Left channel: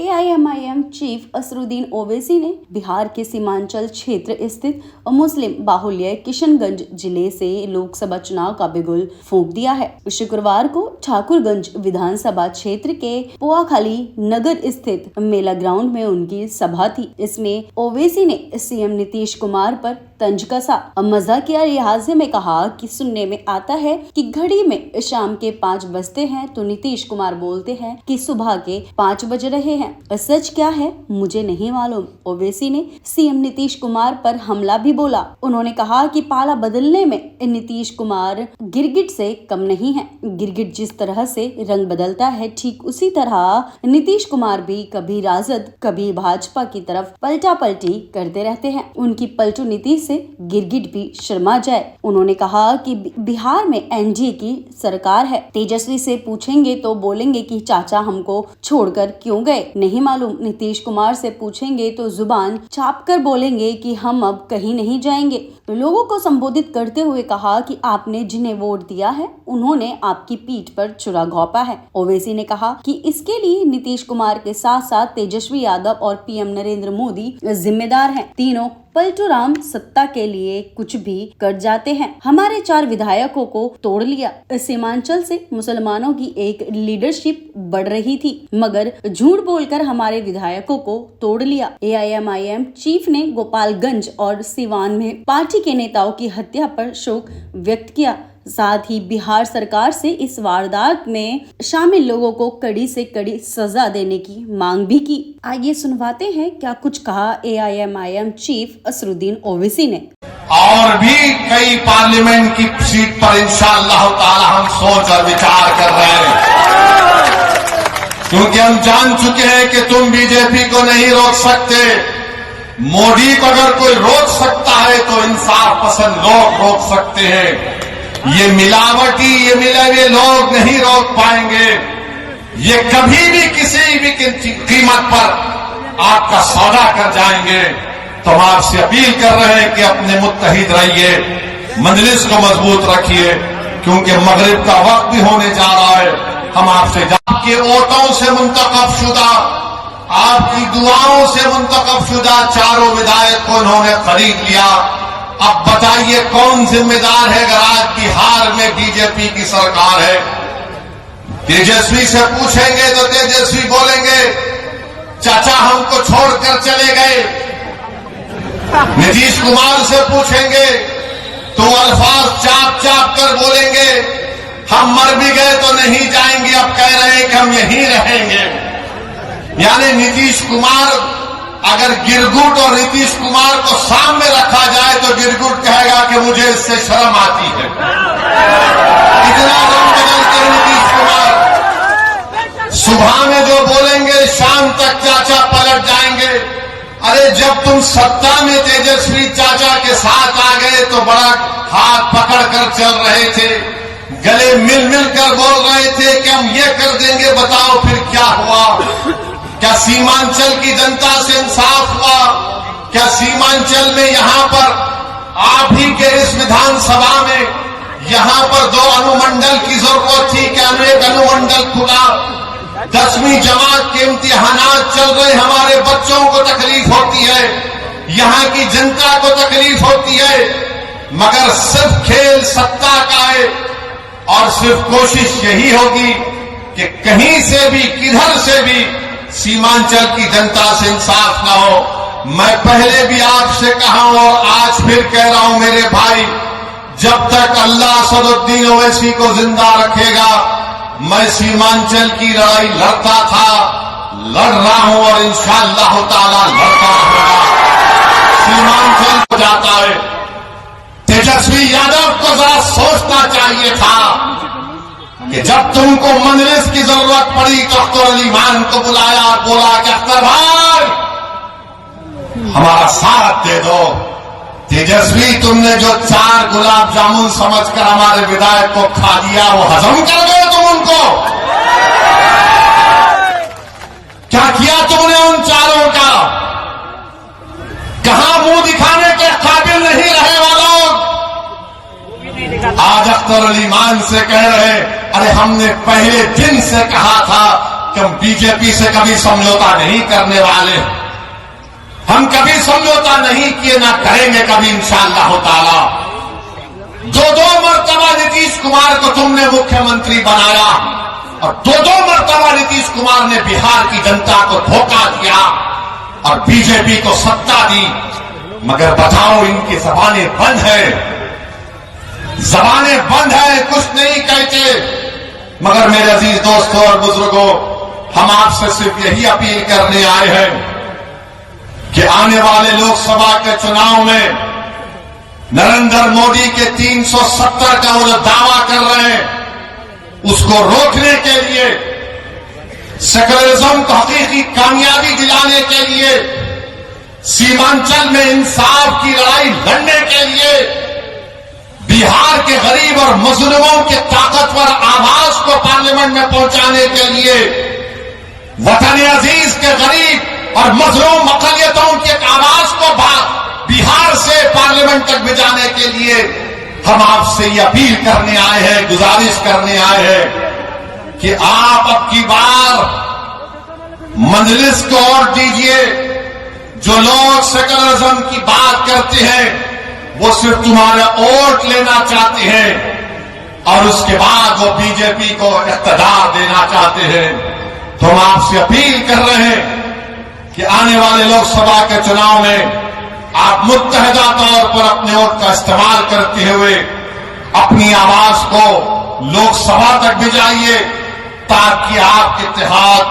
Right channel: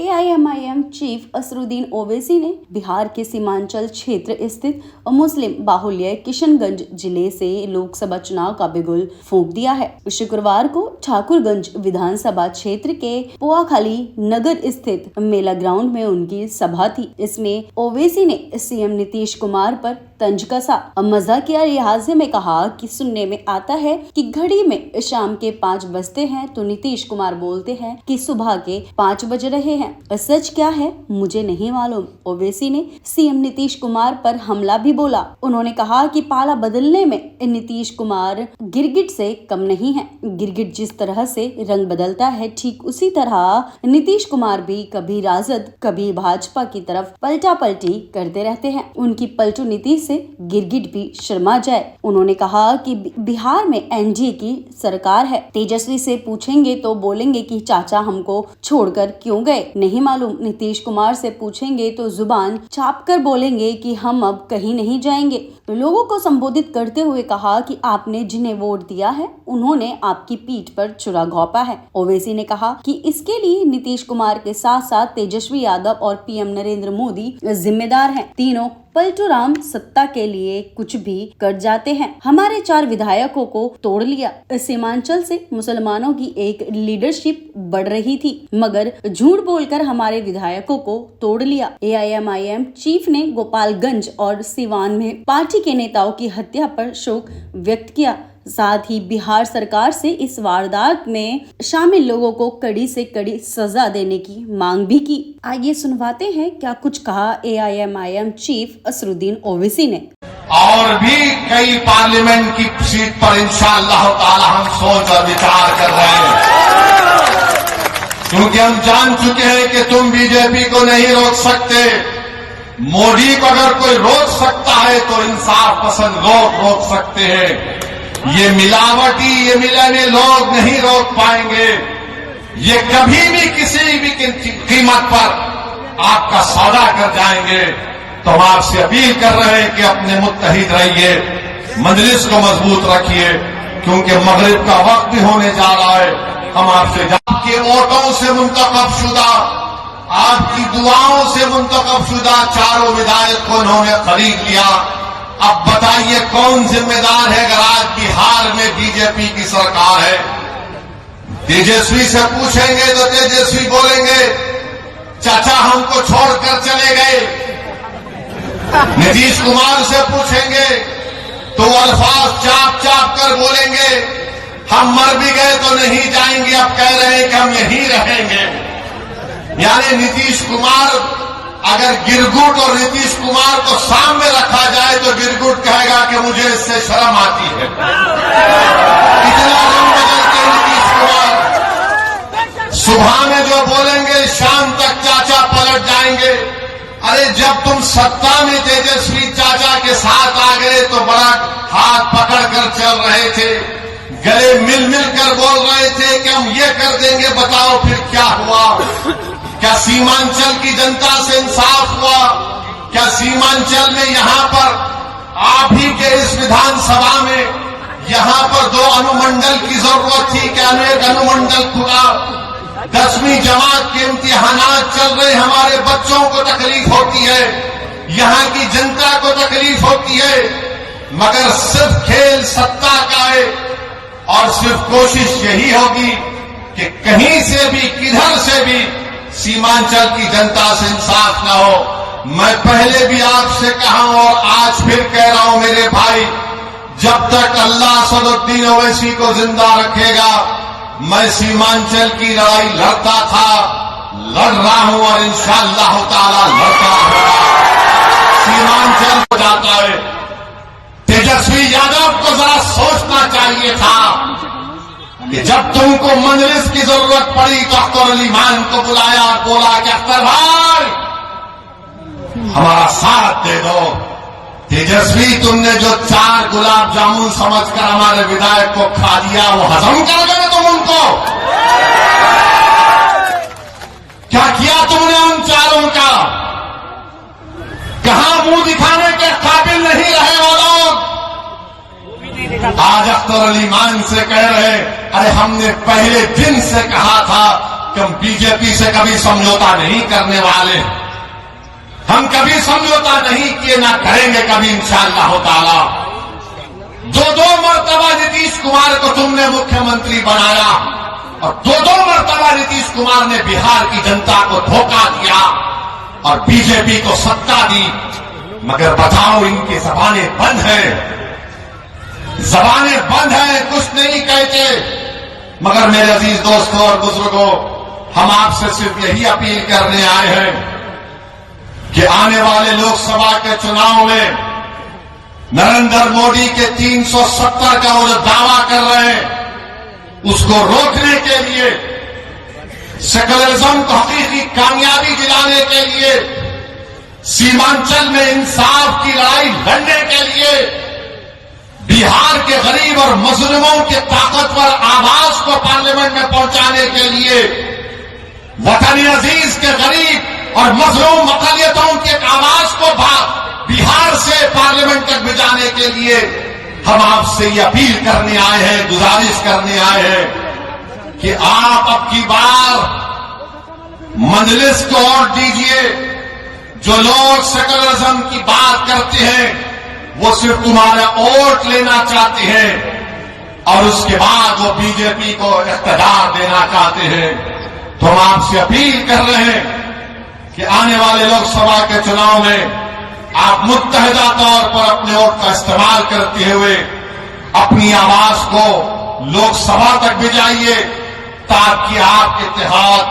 AIMIM chief Asaruddin Owaisi ने बिहार के सीमांचल क्षेत्र स्थित मुस्लिम बाहुल्य किशनगंज जिले से लोकसभा चुनाव का बिगुल फूंक दिया है। शुक्रवार को ठाकुरगंज विधानसभा क्षेत्र के पोआखाली नगर स्थित मेला ग्राउंड में उनकी सभा थी। इसमें ओवैसी ने सीएम नीतीश कुमार पर तंज कसा। मजाकिया लिहाजे में कहा कि सुनने में आता है कि घड़ी में शाम के 5 बजते हैं तो नीतीश कुमार बोलते हैं कि सुबह के 5 बज रहे हैं। सच क्या है मुझे नहीं मालूम। ओवैसी ने सीएम नीतीश कुमार पर हमला भी बोला। उन्होंने कहा कि पाला बदलने में नीतीश कुमार गिरगिट से कम नहीं है। गिरगिट जिस तरह से रंग बदलता है ठीक उसी तरह नीतीश कुमार भी कभी राजद कभी भाजपा की तरफ पलटा पलटी करते रहते हैं। उनकी पलटू नीति से गिरगिट भी शर्मा जाए। उन्होंने कहा कि बिहार में एनडीए की सरकार है। तेजस्वी से पूछेंगे तो बोलेंगे कि चाचा हमको छोड़कर क्यों गए, नहीं मालूम। नीतीश कुमार से पूछेंगे तो जुबान चाप कर बोलेंगे कि हम अब कहीं नहीं जाएंगे। लोगों को संबोधित करते हुए कहा कि आपने जिन्हें वोट दिया है उन्होंने आपकी पीठ पर छुरा घोंपा है। ओवैसी ने कहा कि इसके लिए नीतीश कुमार के साथ साथ तेजस्वी यादव और पीएम नरेंद्र मोदी जिम्मेदार हैं। तीनों पलटूराम सत्ता के लिए कुछ भी कर जाते हैं। हमारे 4 विधायकों को तोड़ लिया। सीमांचल से मुसलमानों की एक लीडरशिप बढ़ रही थी मगर झूठ बोलकर हमारे विधायकों को तोड़ लिया। AIMIM चीफ ने गोपालगंज और सिवान में पार्टी के नेताओं की हत्या पर शोक व्यक्त किया। साथ ही बिहार सरकार से इस वारदात में शामिल लोगों को कड़ी से कड़ी सजा देने की मांग भी की। आइए सुनवाते हैं क्या कुछ कहा AIMIM चीफ असरुद्दीन ओवैसी ने। और भी कई पार्लियामेंट की सीट पर इंशाअल्लाह ताला हम सोच और विचार कर रहे हैं, क्योंकि हम जान चुके हैं कि तुम बीजेपी को नहीं रोक सकते। मोदी को अगर कोई रोक सकता है तो इंसाफ पसंद लोग रोक सकते हैं। ये मिलावटी ये मिले हुए लोग नहीं रोक पाएंगे। ये कभी भी किसी भी कीमत पर आपका सौदा कर जाएंगे। तो हम आपसे अपील कर रहे हैं कि अपने मुत्तहिद रहिए, मजलिस को मजबूत रखिए, क्योंकि मगरिब का वक्त भी होने जा रहा है। हम आपसे आपके वोटों से मुंतखब शुदा, आपकी दुआओं से मुंतखब शुदा 4 विधायक को उन्होंने खरीद लिया। अब बताइए कौन जिम्मेदार है अगर आज बिहार में बीजेपी की सरकार है। तेजस्वी से पूछेंगे तो तेजस्वी बोलेंगे चाचा हमको छोड़कर चले गए। नीतीश कुमार से पूछेंगे तो अल्फाज चाप चाप कर बोलेंगे हम मर भी गए तो नहीं जाएंगे, अब कह रहे हैं कि हम यहीं रहेंगे। यानी नीतीश कुमार अगर गिरगुट और नीतीश कुमार को सामने रखा जाए तो गिरगुट कहेगा कि मुझे इससे शर्म आती है। इतना रंग बदलते नीतीश कुमार, सुबह में जो बोलेंगे शाम तक चाचा पलट जाएंगे। अरे जब तुम सत्ता में तेजस्वी चाचा के साथ आ गए तो बड़ा हाथ पकड़ कर चल रहे थे, गले मिल मिल कर बोल रहे थे कि हम ये कर देंगे। बताओ फिर क्या हुआ? क्या सीमांचल की जनता से इंसाफ हुआ? क्या सीमांचल में यहाँ पर आप ही के इस विधानसभा में यहाँ पर 2 अनुमंडल की जरूरत थी कि अनेक अनुमंडल खुला? 10वीं जमात के इम्तिहानात चल रहे, हमारे बच्चों को तकलीफ होती है, यहाँ की जनता को तकलीफ होती है, मगर सिर्फ खेल सत्ता का है और सिर्फ कोशिश यही होगी कि कहीं से भी किधर से भी सीमांचल की जनता से इंसाफ न हो। मैं पहले भी आपसे कहा और आज फिर कह रहा हूं मेरे भाई, जब तक अल्लाह असरुद्दीन ओवैसी को जिंदा रखेगा मैं सीमांचल की लड़ाई लड़ता था, लड़ रहा हूं और इंशाअल्लाह ताला लड़ता रहूंगा। सीमांचल हो जाता है। तेजस्वी यादव को जरा सोचना चाहिए था कि जब तुमको मजलिस की जरूरत पड़ी तो अख्तर अली मान को बुलाया, बोला कि अख्तर भाई हमारा साथ दे दो। तेजस्वी तुमने जो 4 गुलाब जामुन समझकर हमारे विधायक को खा दिया वो हजम कर गए तुम उनको? क्या किया तुमने उन 4 का? कहां मुंह दिखाने के काबिल नहीं रहे वो लोग? आज अख्तर अली मान से कह रहे, अरे हमने पहले दिन से कहा था कि हम बीजेपी से कभी समझौता नहीं करने वाले, हम कभी समझौता नहीं किए, ना करेंगे कभी इंशाअल्लाह ताला। दो मर्तबा नीतीश कुमार को तुमने मुख्यमंत्री बनाया और दो मर्तबा नीतीश कुमार ने बिहार की जनता को धोखा दिया और बीजेपी को सत्ता दी। मगर बताओ, इनकी जबानें बंद है, जबानें बंद है, कुछ नहीं कहते। मगर मेरे अजीज दोस्तों और बुजुर्गों, हम आपसे सिर्फ यही अपील करने आए हैं कि आने वाले लोकसभा के चुनाव में नरेंद्र मोदी के 370 का वो जो दावा कर रहे हैं, उसको रोकने के लिए, सेकुलरिज्म को हकीकी कामयाबी दिलाने के लिए, सीमांचल में इंसाफ की लड़ाई लड़ने के लिए, बिहार के गरीब और मजलूमों के ताकतवर आवाज को पार्लियामेंट में पहुंचाने के लिए, वतन अजीज के गरीब और मजलूम अकलियतों की आवाज को बिहार से पार्लियामेंट तक भिजाने के लिए हम आपसे ये अपील करने आए हैं, गुजारिश करने आए हैं कि आप अब की बार मजलिस को वोट दीजिए। जो लोग सेकुलरिज्म की बात करते हैं वो सिर्फ तुम्हारा वोट लेना चाहते हैं और उसके बाद वो बीजेपी को इख्तियार देना चाहते हैं। तो हम आपसे अपील कर रहे हैं कि आने वाले लोकसभा के चुनाव में आप मुत्तहदा तौर पर अपने वोट का इस्तेमाल करते हुए अपनी आवाज को लोकसभा तक भिजाइए ताकि आपके इत्तेहाद